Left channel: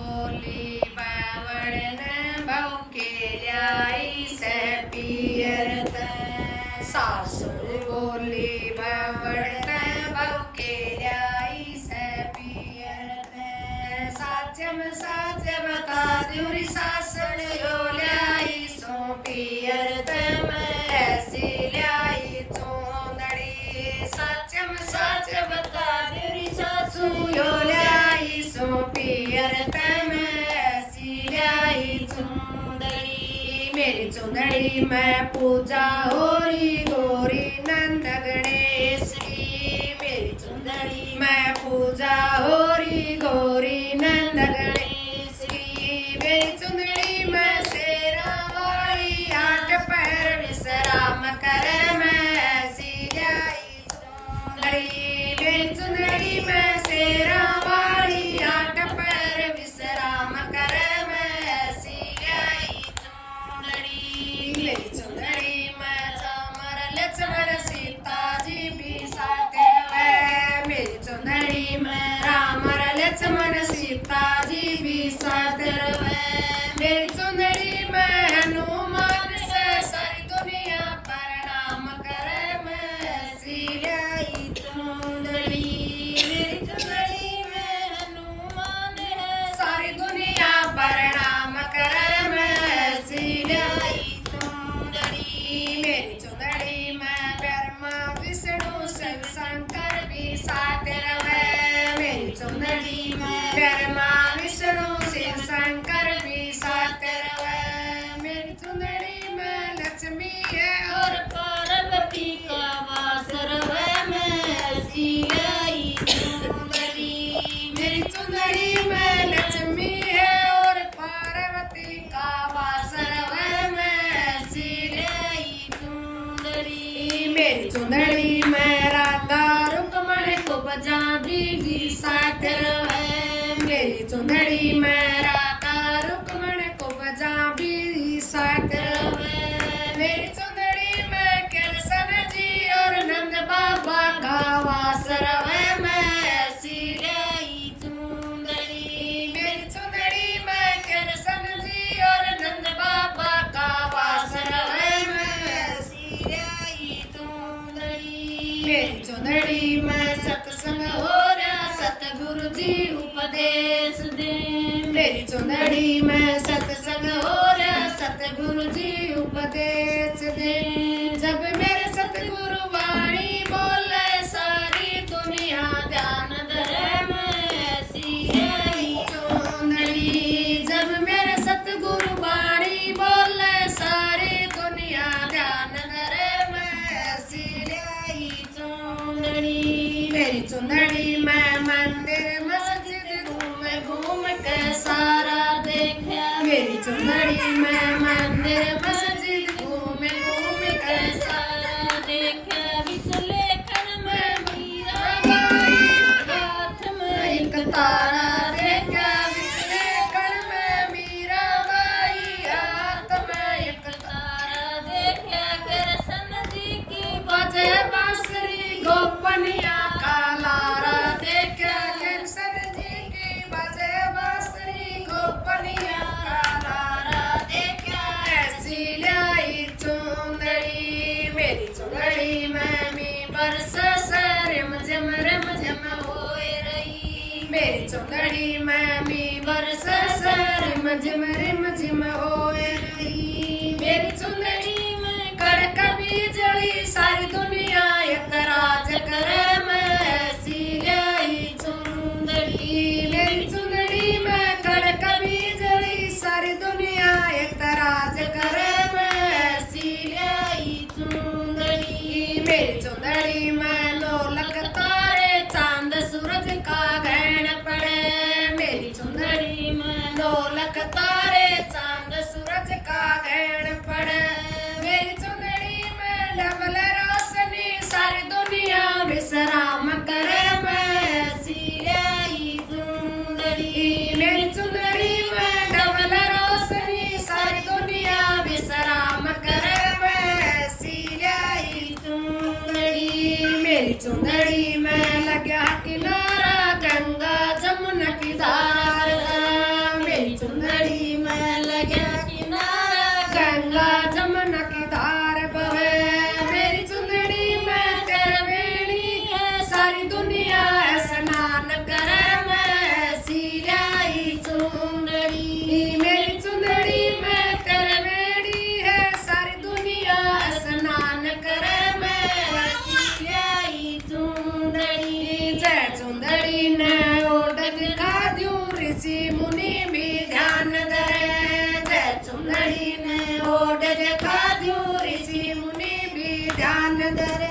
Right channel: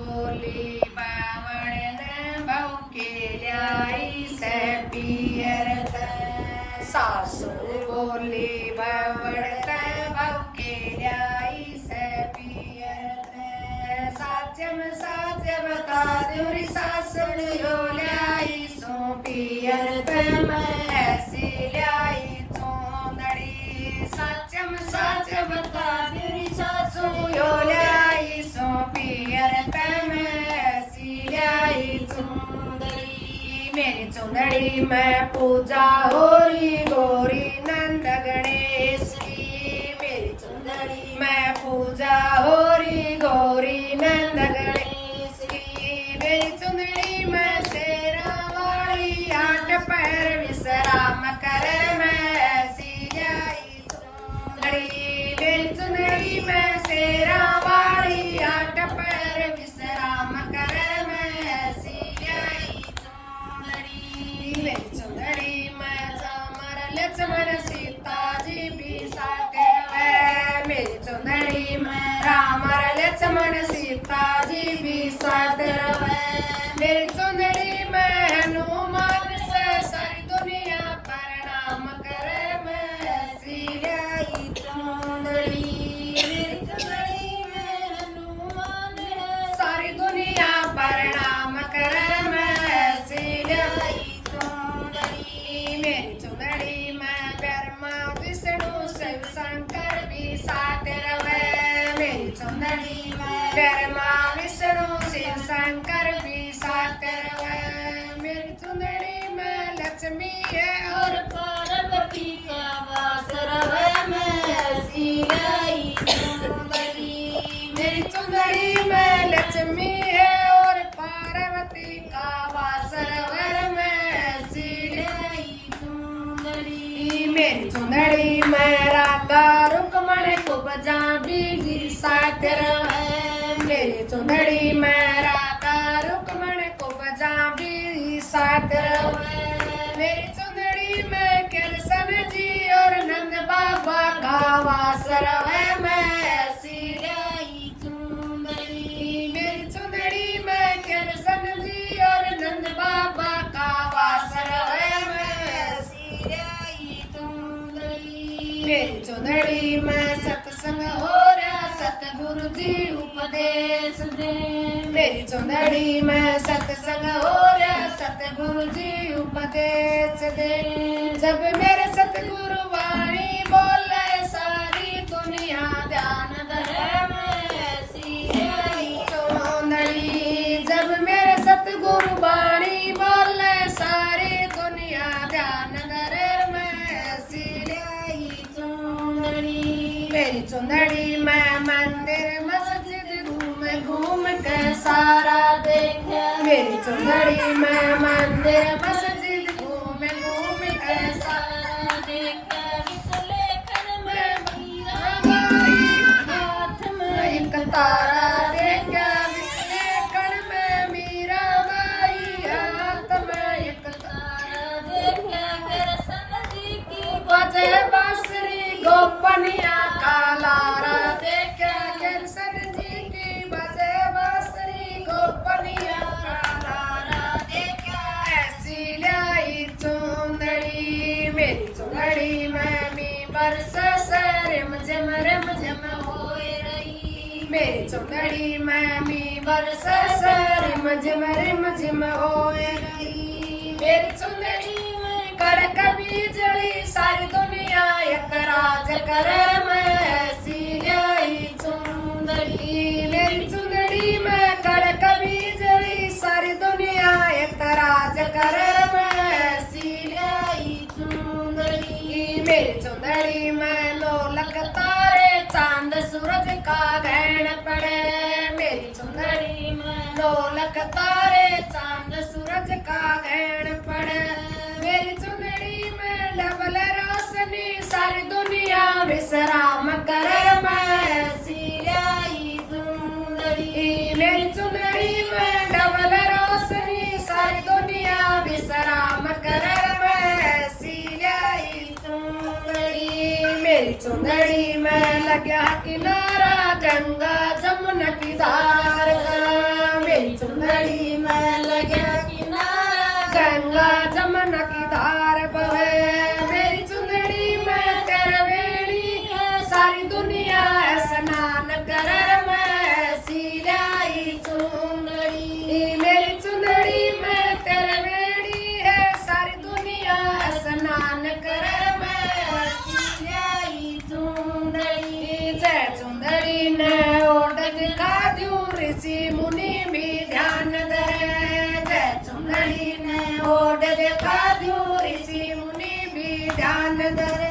बोली बावड़ ने बहू के लाई से पियर ते। सासुर बोली बावड़ ने बहू के लाई से पियर ते। साचम बता दूरी सासुर यो लाई सो पियर ते। मैं ऐसी लाई चूंदड़ी साचम साच बता दूरी सासुर यो लाई सो पियर ते। मैं ऐसी लाई चूंदड़ी मेरी चूंदड़ी में पूजा होरी गोरी नंद गणेश की। मेरी चूंदड़ी में पूजा होरी गोरी नंद गणेश की। मेरी चूंदड़ी में शेरा वाली आठ पैर विश्राम करे। मैं ऐसी लाई चूंदड़ी मेरी चूंदड़ी में शेरा वाली आठ पैर विश्राम करे। मैं ऐसी लाई चूंदड़ी मेरी चूंदड़ी में चामर लक्ष्मण सीता जी भी साथ है। मेरी चूंदड़ी में राम लक्ष्मण सीता जी भी साथ है। मेरी चूंदड़ी में हनुमान से सारी दुनिया प्रणाम करे। मैं ऐसी लाई चूंदड़ी मेरी चूंदड़ी में हनुमान सारी दुनिया प्रणाम करे। मैं ऐसी लाई चूंदड़ी मेरी चूंदड़ी में ब्रह्मा विष्णु शिव शंकर भी साथ रहे। मेरी चूंदड़ी में ब्रह्मा विष्णु शिव शंकर भी साथ रहे। मेरी चूंदड़ी में लक्ष्मी है और पार्वती का वास रहे। मैं ऐसी लाई चूंदड़ी मेरी चूंदड़ी में लक्ष्मी है और पार्वती का वास रहे। मैं ऐसी लाई चूंदड़ी मेरी चूंदड़ी में राधा रुक्मण कुब्जा भी साथ रहे। मेरी चूंदड़ी में राधा रुक्मण कुब्जा भी साथ रहे। मेरी चूंदड़ी में कृष्ण जी और नंद बाबा का वास रहे। मैं ऐसी लाई चूंदड़ी मेरी चूंदड़ी में कृष्ण जी और नंद बाबा का वास रहे। मैं ऐसी लाई चूंदड़ी मेरी चूंदड़ी में सत्संग हो रहा सतगुरु जी उपदेश दे। मेरी चूंदड़ी में सत्संग हो रहा सतगुरु जी उपदेश दे। जब मेरे सतगुरु वाणी बोले सारी दुनिया ध्यान धरे। मैं ऐसी लाई चूंदड़ी जब मेरे सतगुरु वाणी बोले सारी दुनिया ध्यान धरे। मैं ऐसी लाई चूंदड़ी मेरी चूंदड़ी में मंदिर मस्जिद घूम घूम के सारा देखे। मेरी चूंदड़ी में मंदिर मस्जिद घूम घूम के सारा देखे। विश्लेषण में मीरा बाई हाथ में एक तारा देखे। विश्लेषण में मीरा बाई हाथ में एक तारा देखे। कृष्ण जी की बजे बांसुरी गोपनिया का लारा देखे। कृष्ण जी की बजे बांसुरी गोपनिया का लारा देखे। ऐसी लाई चूंदड़ी मेरी चूंदड़ी में मी बरस रिम झिम होए रही। मेरी चूंदड़ी में मी बरस रिम झिम होए रही। मेरी चूंदड़ी में कड़क बिजली सारी दुनिया एक राज करे। मैं ऐसी लाई चूंदड़ी मेरी चूंदड़ी में कड़क बिजली सारी दुनिया एक राज करे। मैं ऐसी लाई चूंदड़ी मेरी चूंदड़ी में लोलक तारे चांद सूरज का ग्रहण पड़े। मेरी चूंदड़ी में लोलक तारे चांद सूरज का ग्रहण पड़े। मेरी चूंदड़ी में डबल रोशनी सारी दुनिया विश्राम करे। मैं ऐसी लाई चूंदड़ी मेरी चूंदड़ी में डबल रोशनी सारी दुनिया विश्राम करे। मैं ऐसी लाई चूंदड़ी मेरी चूंदड़ी में लगा किनारा गंगा जमुना की धार का। पदर